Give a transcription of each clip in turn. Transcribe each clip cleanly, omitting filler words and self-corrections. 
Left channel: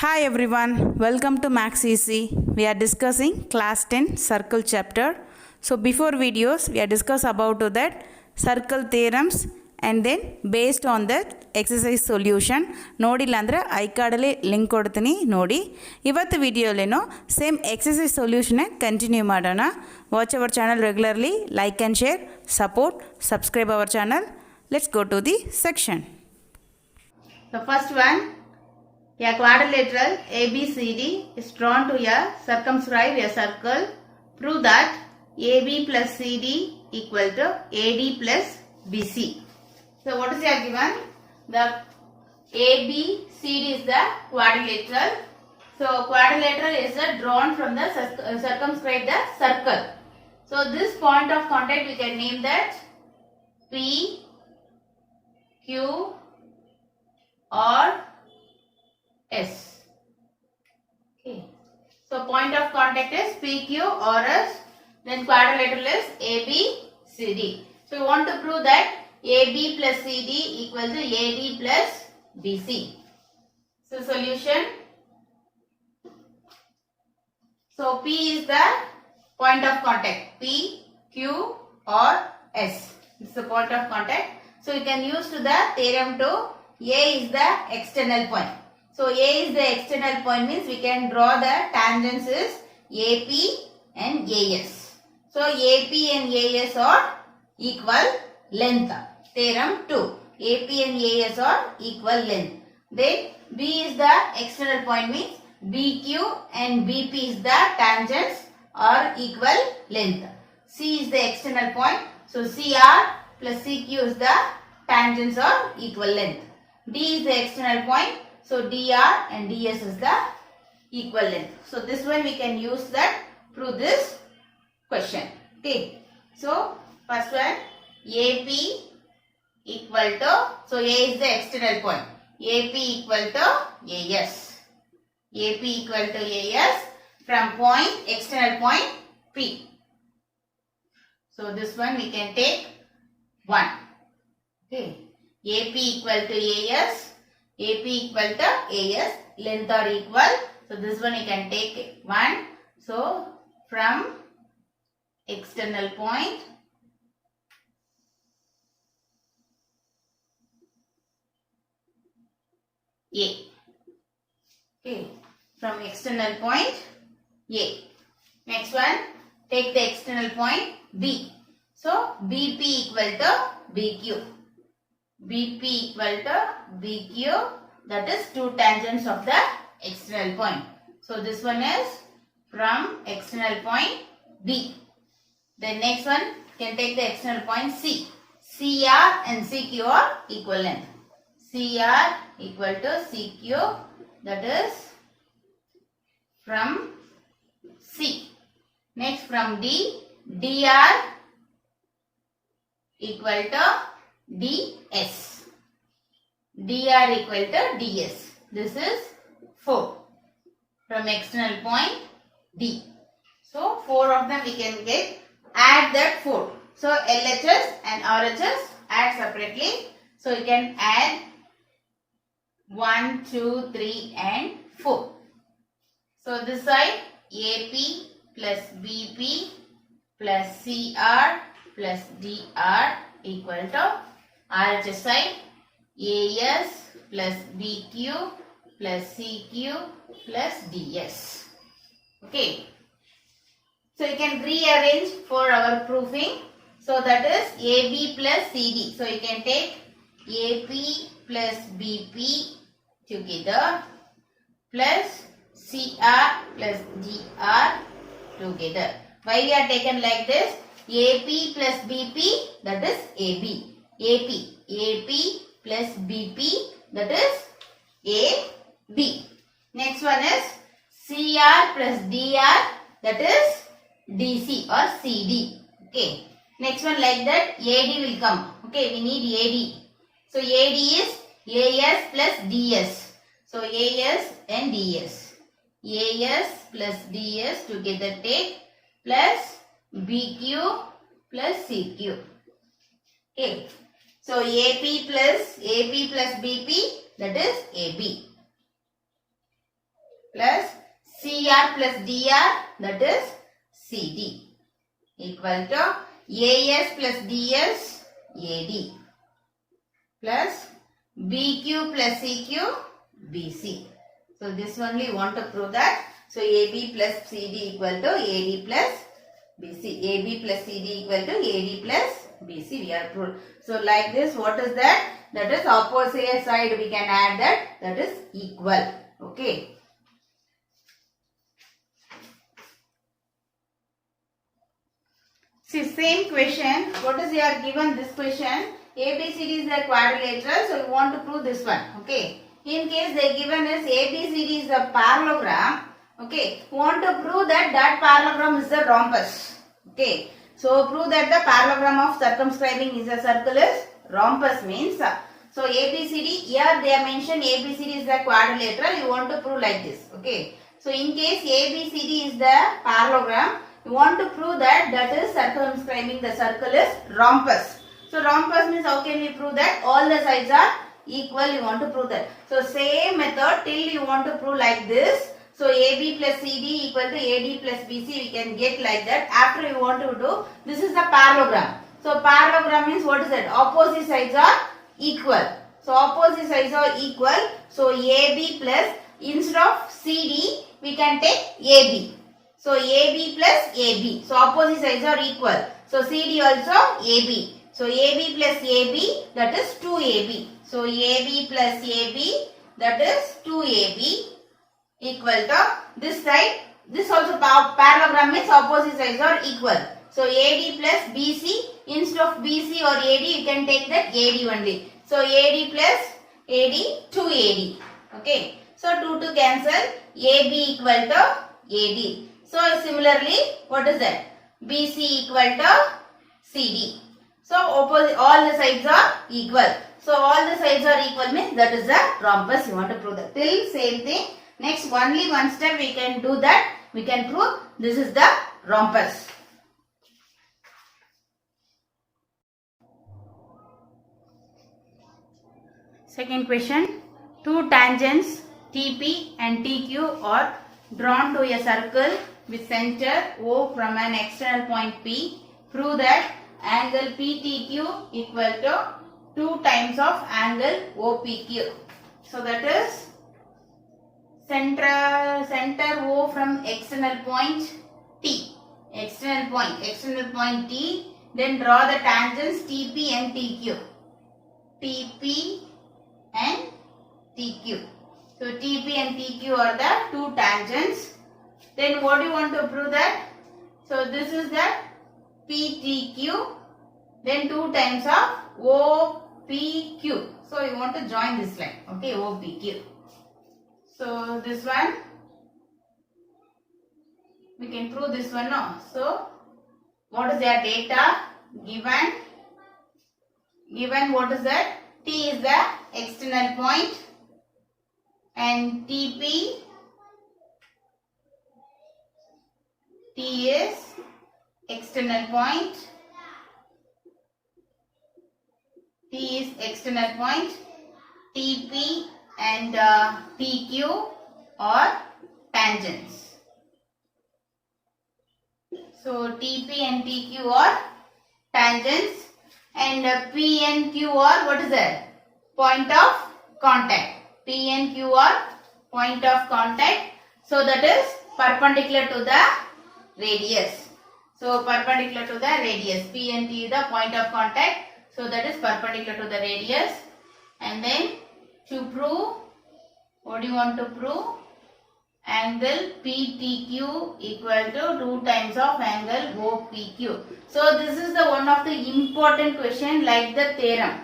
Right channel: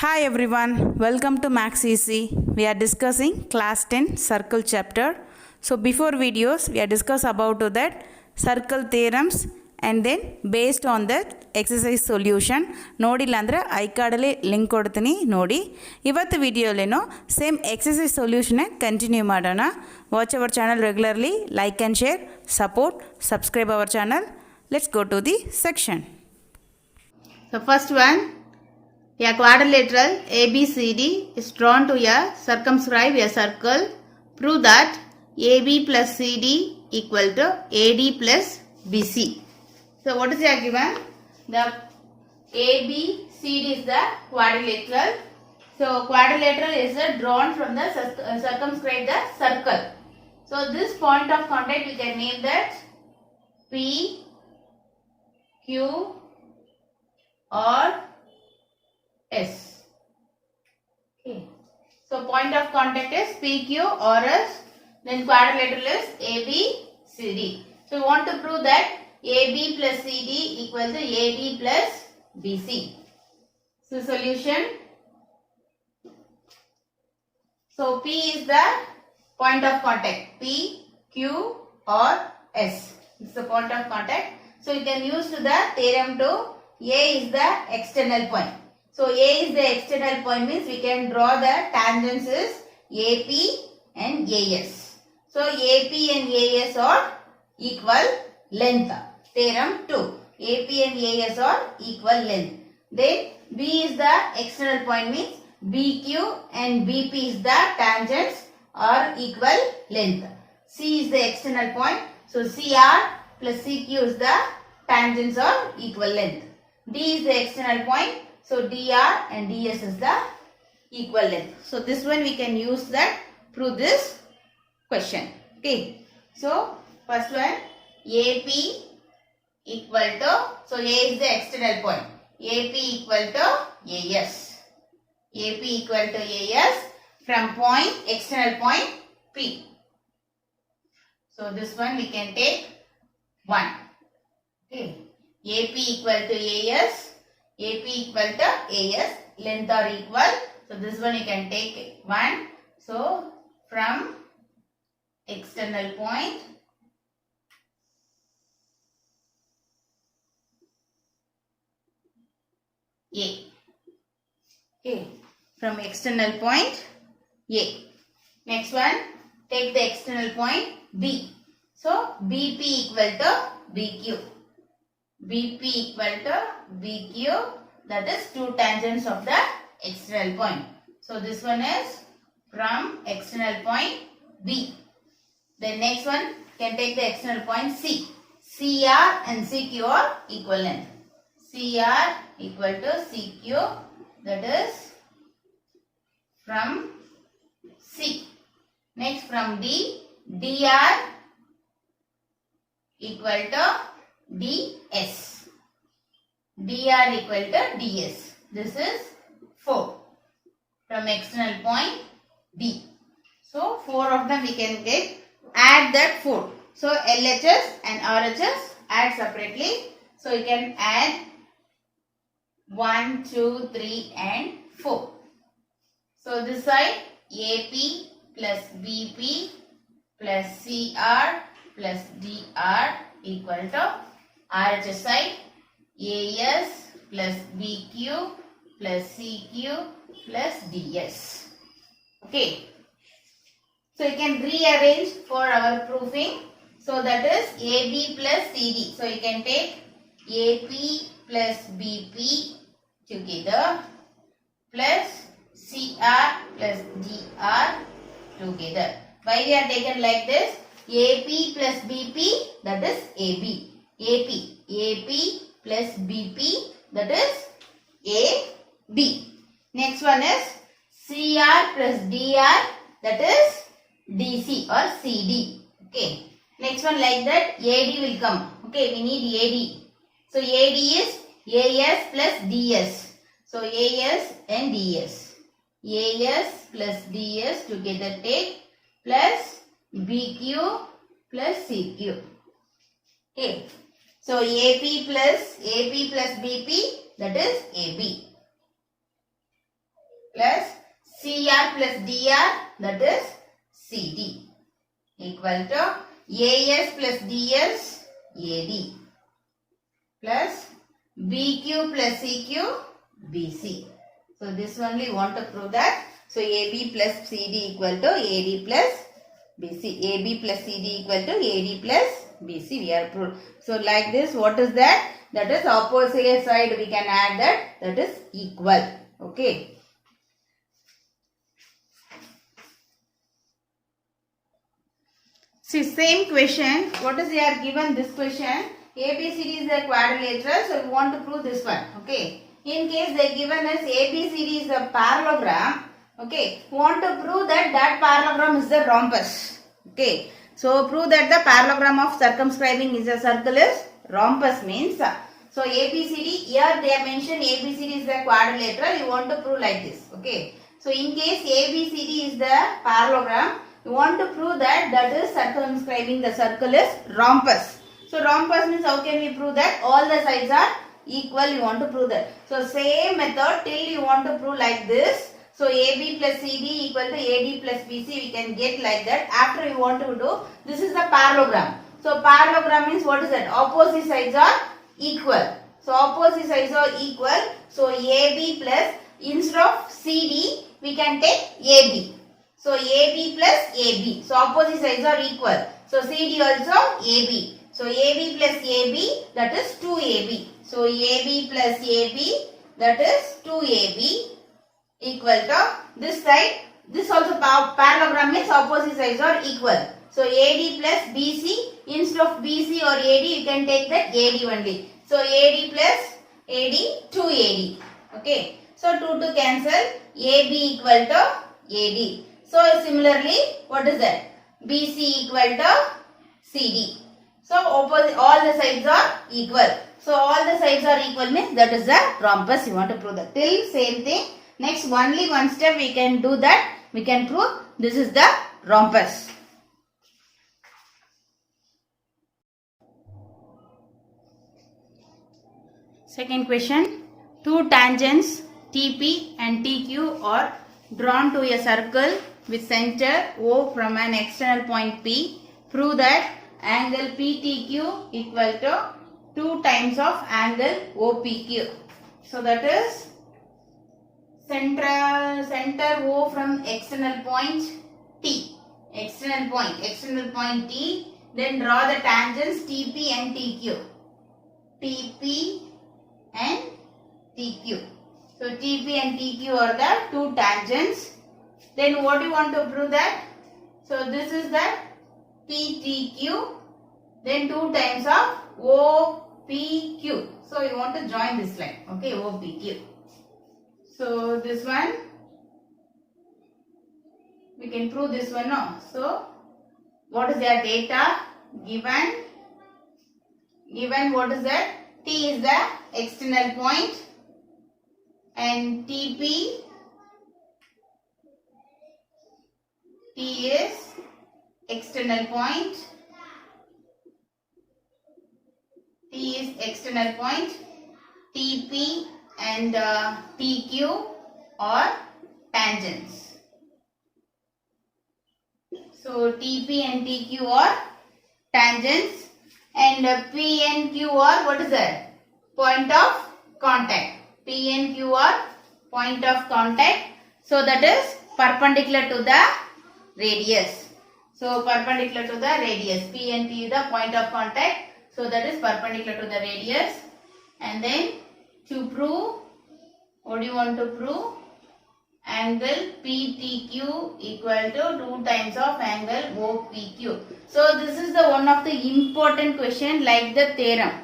Hi everyone, welcome to Max Easy. We are discussing class 10 circle chapter. So before videos we are discuss about that circle theorems and then based on that exercise solution ನೋಡಿಲ್ಲ ಅಂದ್ರೆ I ಕಾರ್ಡಲ್ಲಿ link ಕೊಡ್ತೀನಿ ನೋಡಿ. ಇವತ್ತು ವಿಡಿಯೋಲೇನೋ same exercise solution continue ಮಾಡೋಣ. Watch our channel regularly, like and share, support, subscribe our channel. Let's go to the section. The first one, a quadrilateral ABCD is drawn to circumscribe a circle. Prove that AB plus CD equal to AD plus BC. So what is here given? The ABCD is the quadrilateral. So quadrilateral is drawn from the circumscribe the circle. So this point of contact we can name that P, Q or S. Okay. So point of contact is PQ or S. Then quadrilateral is ABCD. So we want to prove that AB plus CD equal to AD plus BC. So solution. So P is the point of contact. P, Q or S. It's the point of contact. So you can use to the theorem to A is the external point. So A is the external point means we can draw the tangents is AP and AS. So AP and AS are equal length. Theorem 2. AP and AS are equal length. Then B is the external point means BQ and BP is the tangents are equal length. C is the external point. So CR plus CQ is the tangents are equal length. D is the external point. So DR and DS is the equal length. So this one we can use that prove this question. Okay. So first one AP equal to, so A is the external point. AP equal to AS. AP equal to AS from point external point P. So this one we can take 1. Okay. AP equal to AS. AP equal to AS, length are equal. So this one you can take 1. So from external point A. Okay, from external point A. Next one, take the external point B. So BP equal to BQ. BP equal to BQ, that is 2 tangents of the external point. So this one is from external point B. The next one can take the external point C. CR and CQ are equal length. CR equal to CQ, that is from C. Next from D, DR equal to DS. DR equal to DS. This is 4 from external point D. So 4 of them we can get, add that 4. So LHS and RHS add separately. So you can add 1, 2, 3 and 4. So this side AP plus BP plus CR plus DR equal to RHS side AS plus BQ plus CQ plus DS. Okay. So you can rearrange for our proofing. So that is AB plus CD. So you can take AP plus BP together plus CR plus DR together. Why we are taken like this? AP plus BP, that is AB. AP plus BP, that is AB. Next one is CR plus DR, that is DC or CD. Okay. Next one like that AD will come. Okay, we need AD. So AD is AS plus DS. So AS and DS. AS plus DS together take plus BQ plus CQ. Okay. So AP plus BP, that is AB. plus CR plus DR, that is CD, equal to AS plus DS, AD, plus BQ plus CQ, BC. So this only want to prove that. So AB plus CD equal to AD plus BC. AB plus CD equal to AD plus BC. We are proved. So like this, what is that? That is opposite side we can add that. That is equal. Okay. See, same question. What is here given this question? ABCD is a quadrilateral, so we want to prove this one. Okay. In case they given us ABCD is a parallelogram, okay, we want to prove that that parallelogram is the rhombus. Okay. So prove that the parallelogram of circumscribing is a circle is rhombus means. So ABCD, here they have mentioned ABCD is the quadrilateral. You want to prove like this. Okay. So in case ABCD is the parallelogram, you want to prove that that is circumscribing the circle is rhombus. So rhombus means how can we prove that? All the sides are equal, you want to prove that. So same method till you want to prove like this. So AB plus CD equal to AD plus BC, we can get like that. After you want to do, this is the parallelogram. So parallelogram means what is that? Opposite sides are equal. So opposite sides are equal. So AB plus, instead of CD, we can take AB. So AB plus AB. So opposite sides are equal. So CD also AB. So AB plus AB, that is 2AB. So AB plus AB, that is 2AB equal to this side. This also parallelogram means opposite sides are equal. So AD plus BC, instead of BC or AD, you can take that AD only. So AD plus AD, 2AD. Okay. So 2 to cancel, AB equal to AD. So similarly, what is that? BC equal to CD. So opposite, all the sides are equal. So all the sides are equal means that is the rhombus. You want to prove that. Till same thing. Next only one step we can do that. We can prove this is the rhombus. Second question. Two tangents TP and TQ are drawn to a circle with center O from an external point P. Prove that angle PTQ equal to 2 times of angle OPQ. So that is center O from external point T. External point T. Then draw the tangents TP and TQ. TP and TQ. So TP and TQ are the two tangents. Then what do you want to prove that? So this is the PTQ. Then 2 times of OPQ. So you want to join this line. Okay, OPQ. So this one, we can prove this one now. So what is their data? Given what is that? T is the external point and TP, T is external point, T is external point, TP and TQ are tangents. So TP and TQ are tangents and P and Q are what is that? Point of contact. P and Q are point of contact. So that is perpendicular to the radius. So perpendicular to the radius. P and Q is the point of contact. So that is perpendicular to the radius. And then to prove, what do you want to prove? Angle PTQ equal to 2 times of angle OPQ. So this is the one of the important question like the theorem.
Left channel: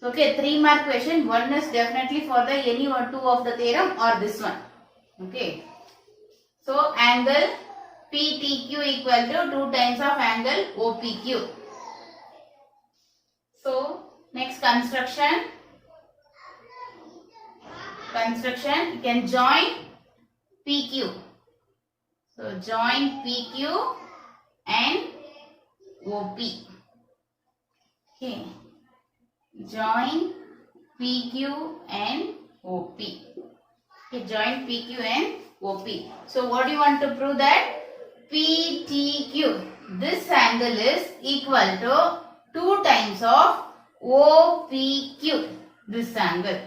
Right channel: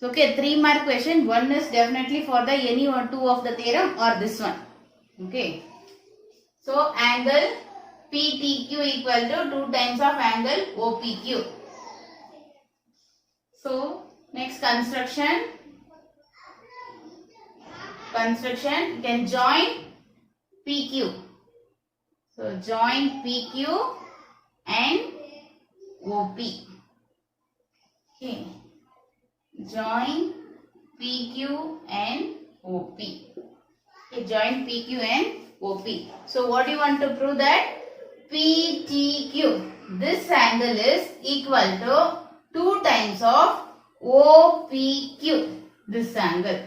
So okay, 3 mark question. One is definitely for the any one 2 of the theorem or this one. Okay. So angle PTQ equal to 2 times of angle OPQ. So next construction. You can join PQ. So join PQ and OP. Okay. Join PQ and OP. Okay. Okay, join PQ and OP. So what do you want to prove that? PTQ. This angle is equal to 2 times of OPQ. This angle.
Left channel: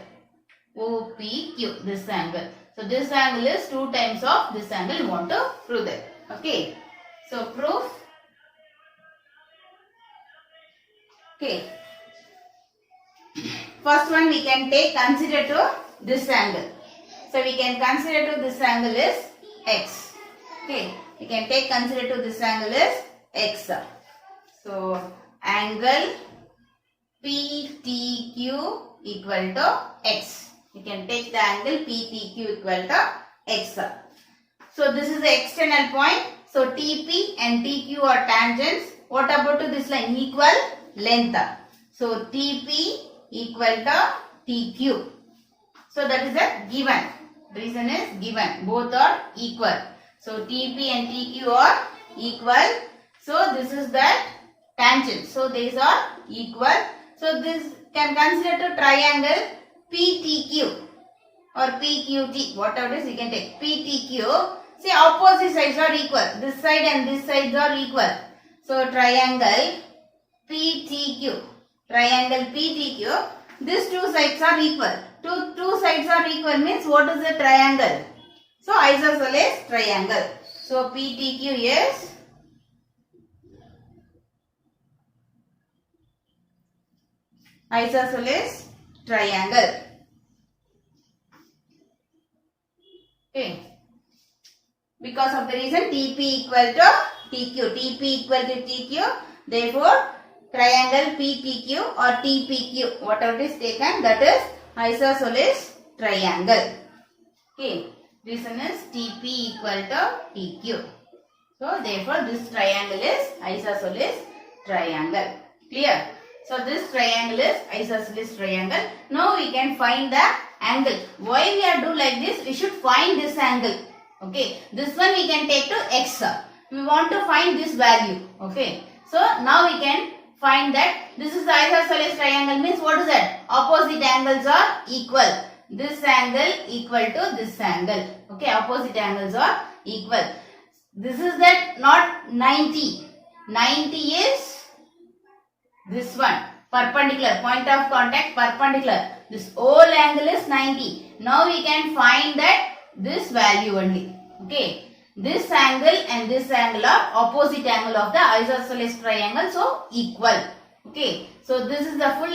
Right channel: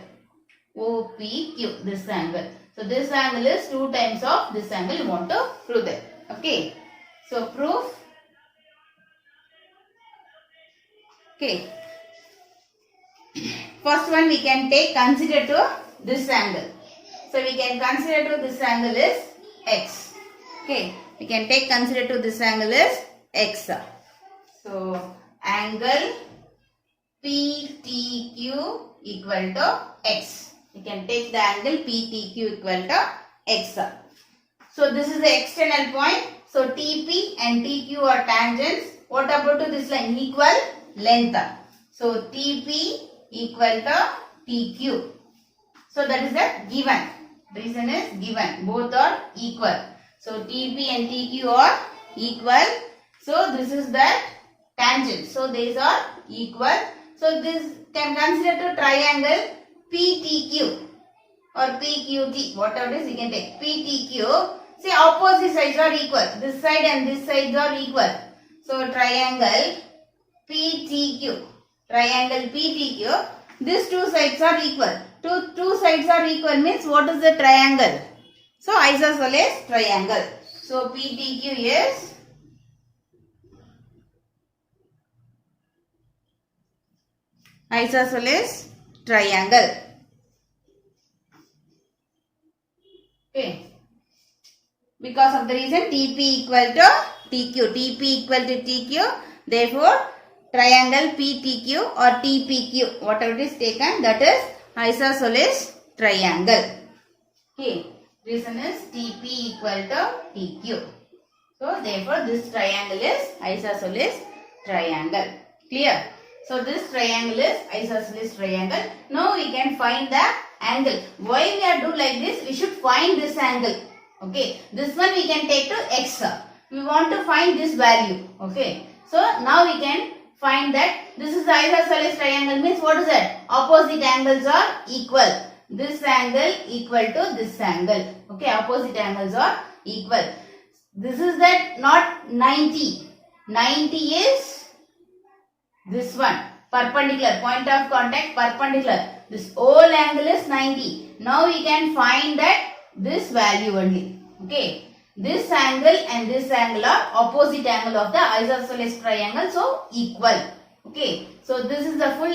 OPQ. This angle. So this angle is 2 times of this angle. You want to prove that. Okay. So proof. Okay. First one we can take consider to this angle. So we can consider to this angle is x. Okay. We can take consider to this angle is x. So angle PTQ equal to x. We can take the angle PTQ equal to x. So this is the external point. So TP and TQ are tangents. What about to this line? Equal length. So TP equal to TQ. So that is the given. Reason is given. Both are equal. So TP and TQ are equal. So this is that tangent. So these are equal. So this can consider to triangle PTQ or PQT. Whatever it is you can take. PTQ. See, opposite sides are equal. This side and this side are equal. So triangle PTQ. Triangle PTQ. These two sides are equal. Two sides are equal means what is the triangle? So isosceles triangle. So PTQ is isosceles triangle. Okay. Because of the reason TP equal to TQ. TP equal to TQ. Therefore, triangle PTQ or TPQ, whatever is taken, that is isosceles triangle. Okay. Reason is TP equal to TQ. So, therefore, this triangle is isosceles triangle. Clear? So, this triangle is isosceles triangle. Now, we can find the angle. Why we are do like this? We should find this angle. Okay. This one we can take to x. We want to find this value. Okay. So, now we can find that this is the isosceles triangle means what is that? Opposite angles are equal. This angle equal to this angle. Okay, opposite angles are equal. This is that not 90. 90 is this one. Perpendicular. Point of contact perpendicular. This whole angle is 90. Now we can find that this value only. Okay. This angle and this angle are opposite angle of the isosceles triangle. So equal. Okay. So this is the full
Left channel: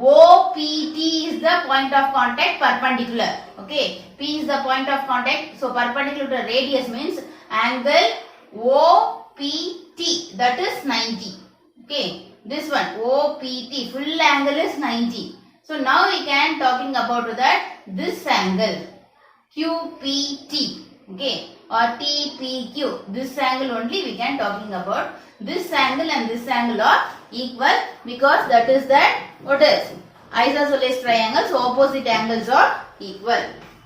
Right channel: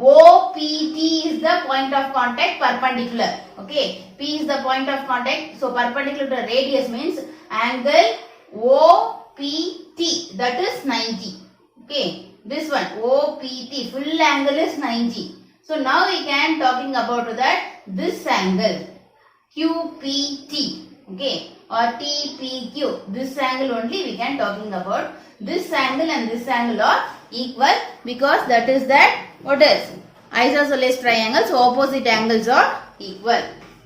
OPT is the point of contact perpendicular. Okay. P is the point of contact. So perpendicular to radius means angle OPT, that is 90. Okay. This one OPT full angle is 90. So now we can talking about that this angle QPT. Okay. Or TPQ. This angle only we can talking about. This angle and this angle are equal because that is that what is isosceles triangle. So opposite angles are equal.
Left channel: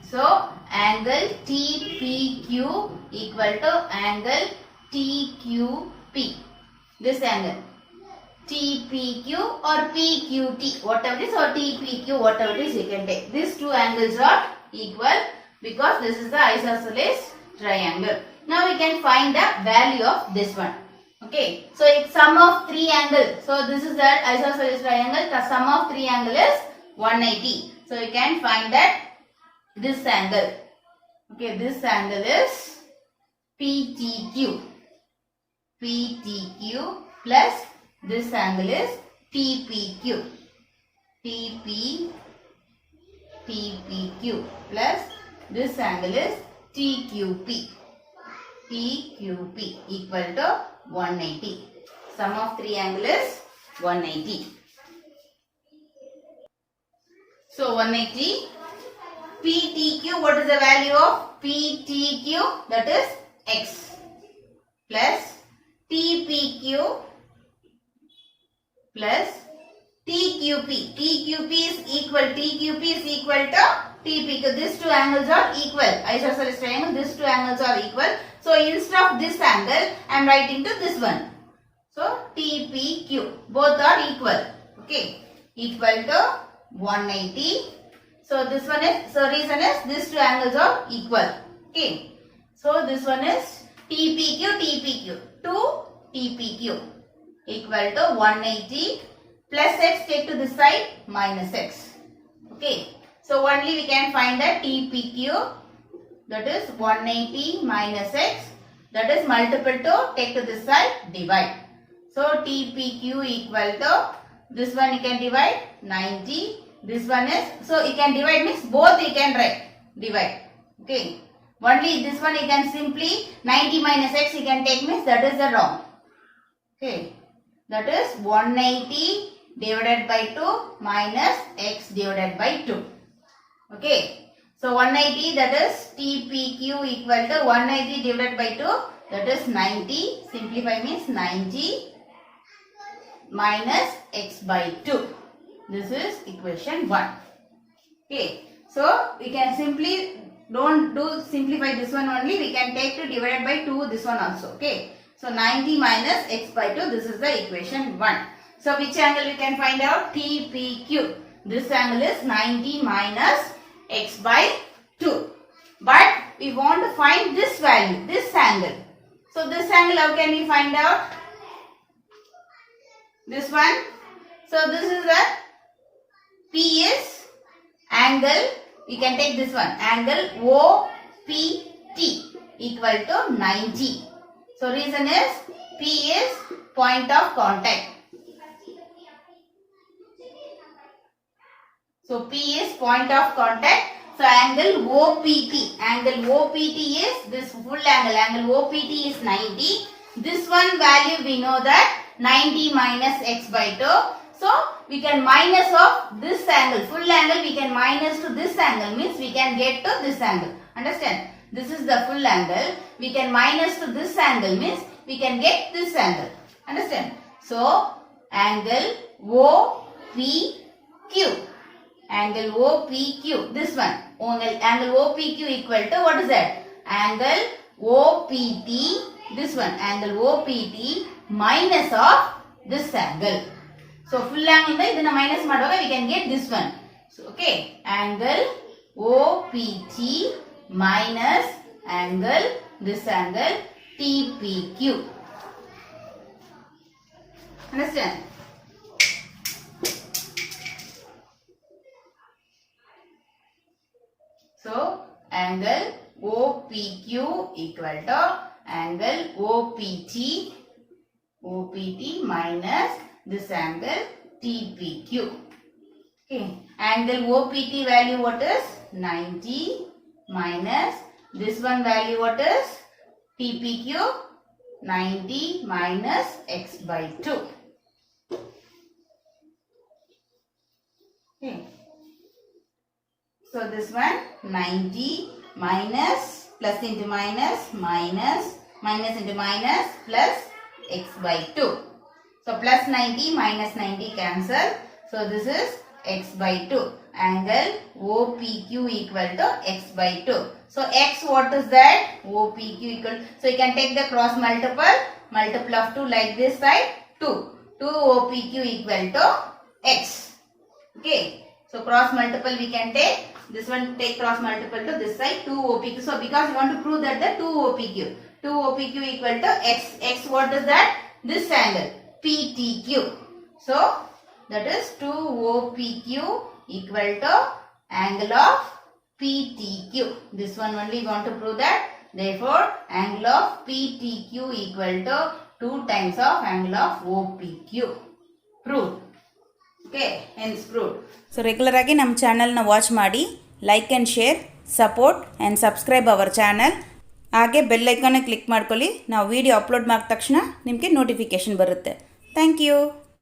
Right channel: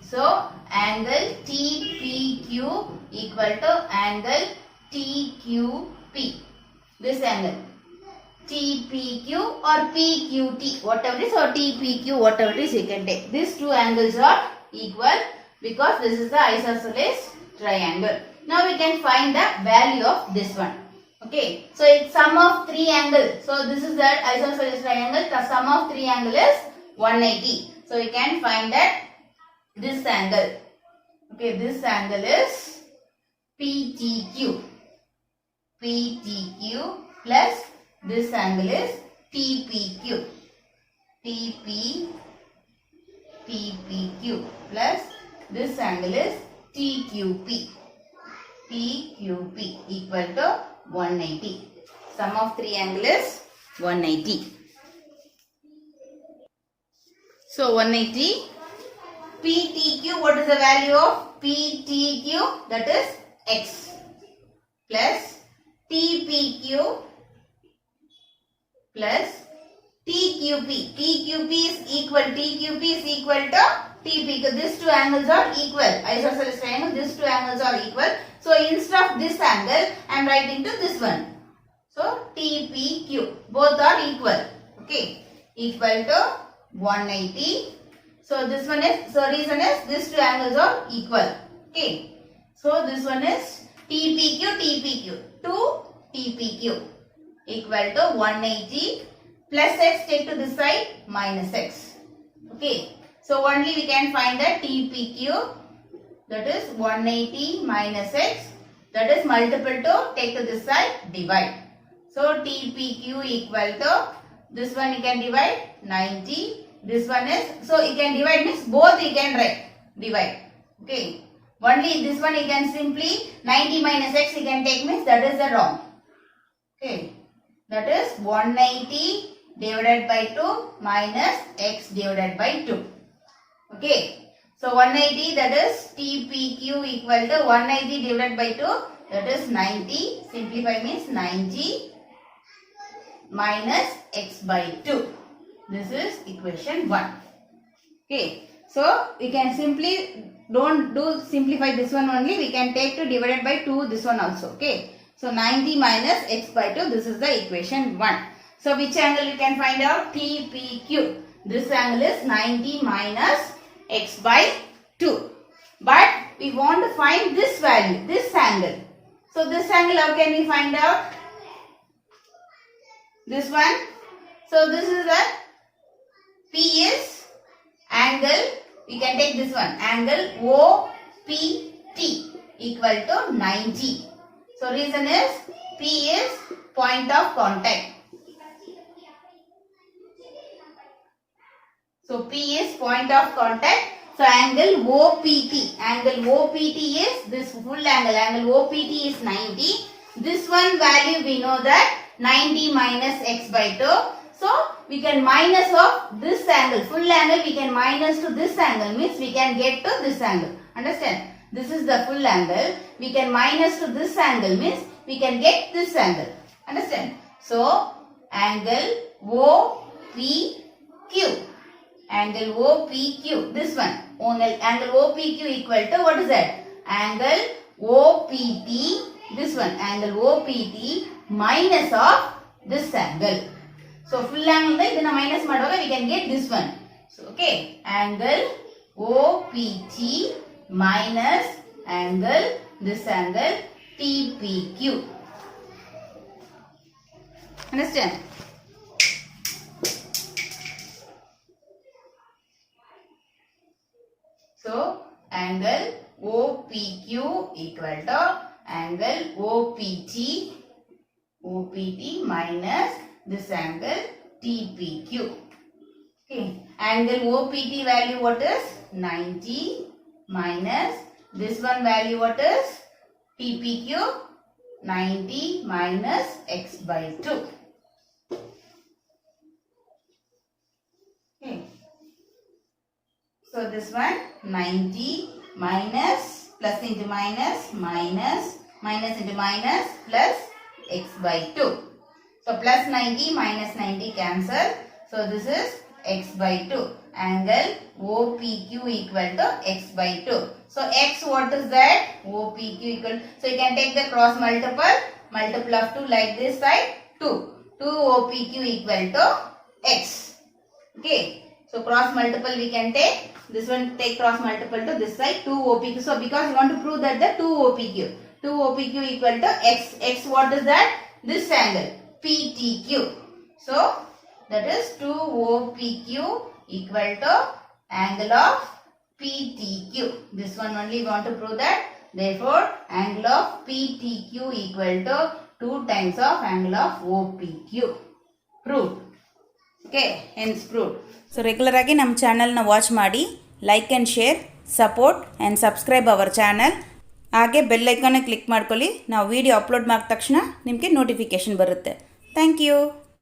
So angle TPQ equal to angle TQP. This angle TPQ or PQT, whatever it is, or TPQ, whatever it is you can take. These two angles are equal because this is the isosceles triangle. Now we can find the value of this one. Okay. So it's sum of 3 angles. So this is that isosceles triangle. The sum of 3 angle is 180. So you can find that this angle. Okay. This angle is PTQ. PTQ plus this angle is TPQ. TPQ plus this angle is TQP. TQP equal to 180. Sum of 3 angle is 180. So 180. PTQ, what is the value of PTQ? That is x plus TPQ plus TQP. TQP is equal. TQP is equal to TP. These two angles are equal. Isosceles triangle. These two angles are equal. So instead of this angle, I am writing to this one. So TPQ. Both are equal. Okay. Equal to 180. So this one is, so reason is these two angles are equal. Okay. So this one is TPQ, 2 TPQ equal to 180 plus x, take to this side, minus x. Okay. So only we can find the TPQ, that is 180 minus x, that is multiple to, take to this side, divide. So TPQ equal to, this one you can divide 90. This one is, so you can divide means both you can write, divide. Okay. Only this one you can simply 90 minus x you can take means that is the wrong. Okay. That is 180 divided by 2 minus x divided by 2. Okay. So 180, that is TPQ equal to 180 divided by 2, that is 90. Simplify means 90 minus x by 2. This is equation 1. Okay. So we can simply, don't do simplify this one only, we can take to divided by 2 this one also. Okay. So 90 minus x by 2, this is the equation 1. So which angle we can find out? TPQ. This angle is 90 minus x by 2. But we want to find this value, this angle. So this angle, how can we find out? This one. So this is the P is angle, we can take this one, angle OPT equal to 90. So reason is P is point of contact. So P is point of contact. So angle OPT is this full angle, angle OPT is 90. This one value we know that 90 minus x by 2. So we can minus of this angle, full angle we can minus to this angle, means we can get to this angle. Understand? This is the full angle. We can minus to this angle, means we can get this angle. Understand? So angle OPQ. Angle OPQ. This one. Angle OPQ equal to, what is that? Angle OPT. This one. Angle OPT minus of this angle. So full angle idana minus ಮಾಡುವಾಗ we can get this one. So okay, angle OPT minus angle, this angle TPQ. Understand? So angle OPQ equal to angle OPT minus this angle TPQ. Okay. Angle OPT value what is? 90 minus this one value what is? TPQ. 90 minus x by 2. Okay. So this one 90 minus plus into minus minus minus into minus plus x by 2. So plus 90 minus 90 cancel. So this is x by 2. Angle OPQ equal to x by 2. So x what is that? OPQ equal. So you can take the cross multiple. Multiple of 2 like this side 2. 2 OPQ equal to x. Okay. So cross multiple we can take. This one take cross multiple to this side 2 OPQ. So because you want to prove that the 2 OPQ. 2 OPQ equal to x. X what is that? This angle. PTQ. So that is 2 OPQ equal to angle of PTQ. This one only we want to prove that. Therefore, angle of PTQ equal to 2 times of angle of OPQ. Proved. Okay, hence proved. So regular ಆಗಿ ನಮ್ಮ ಚಾನಲ್ನ watch ಮಾಡಿ, like and share, support and subscribe our channel. ಹಾಗೆ bell ಐಕಾನ್ನ click ಮಾಡ್ಕೊಳ್ಳಿ. ನಾವು video upload ಮಾಡಿದ ತಕ್ಷಣ ನಿಮಗೆ ನೋಟಿಫಿಕೇಷನ್ ಬರುತ್ತೆ. Thank you.